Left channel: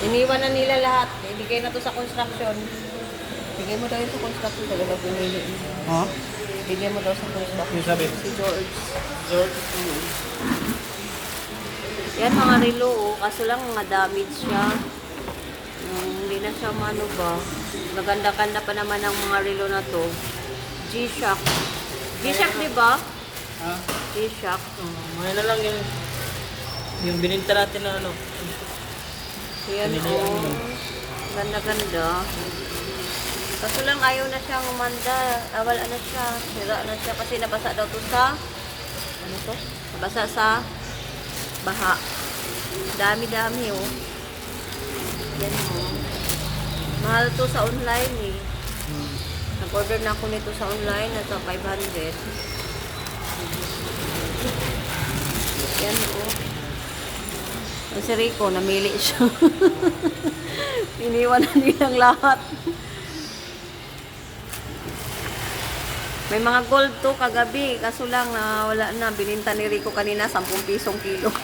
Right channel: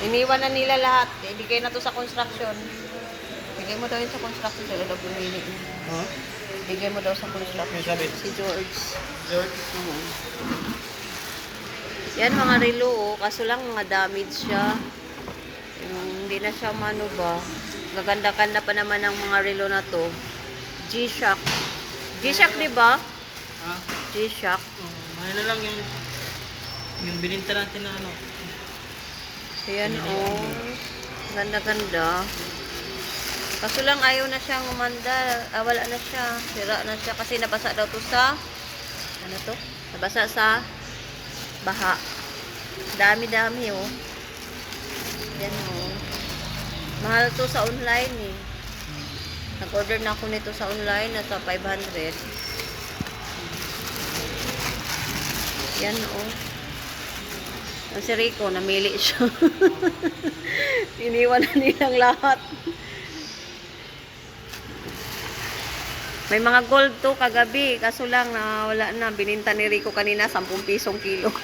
Iniwan na nila lahat. Ibigay na to sa construction. Bigay mo daw yun sa construction. Talaga pinili mo. Ha? Bigay mo daw sa construction. Yung sabi? Si George. George? Yan mga relo, oh. Kaso lang mga damage siya. Hindi na siya mano ba. Gaganda-ganda pa naman ang mga relo na to. G-Shock. G-Shock, di ba? Ha? G-Shock. Ngayon na lang yung bininta natin na ano. Yan, oh. Ganda-ganda. Kaso lang ayaw na siyang umanda. Wala na siya. Sira na siya kasi nabasa daw to sa ano to? Nabasa sa baha. Dami-dami, oh. Yan, oh. Mahal to sa online, eh. Nag-order na ako nito sa online. Nasa 500. Yan, oh. Ang si Rico, namili siya. Iniwan na nilang lahat. May mga gold to kagabi. Kaso lang, wala na. Bininta ni Rico kanina, 10 pisong kilo.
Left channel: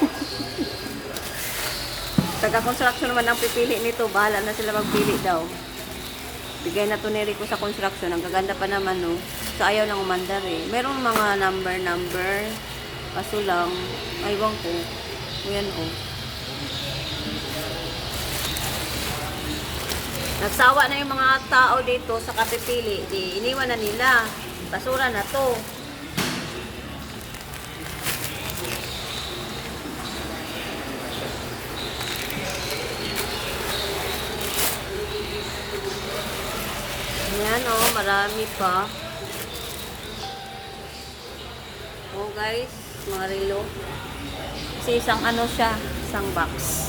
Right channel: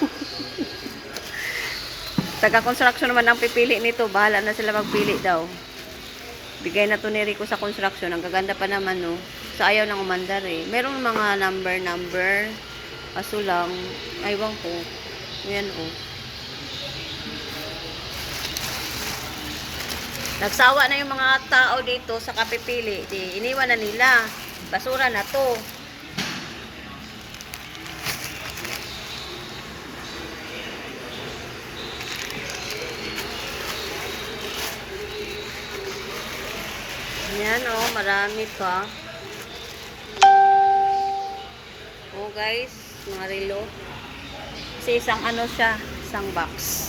Taga-construction naman ang pipili nito. Bahala na sila magpili daw. Bigay na to ni Rico sa construction. Ang gaganda pa naman, no. So, ayaw nang umandar, eh. Merong mga number. Kaso lang, aywan ko. Ayan, oh. Nagsawa na yung mga tao dito sa kapipili. Di, iniwan na nila. Basura na to. Yan, oh, marami pa. Oh guys, mga relo. Kasi isang ano siya, isang box.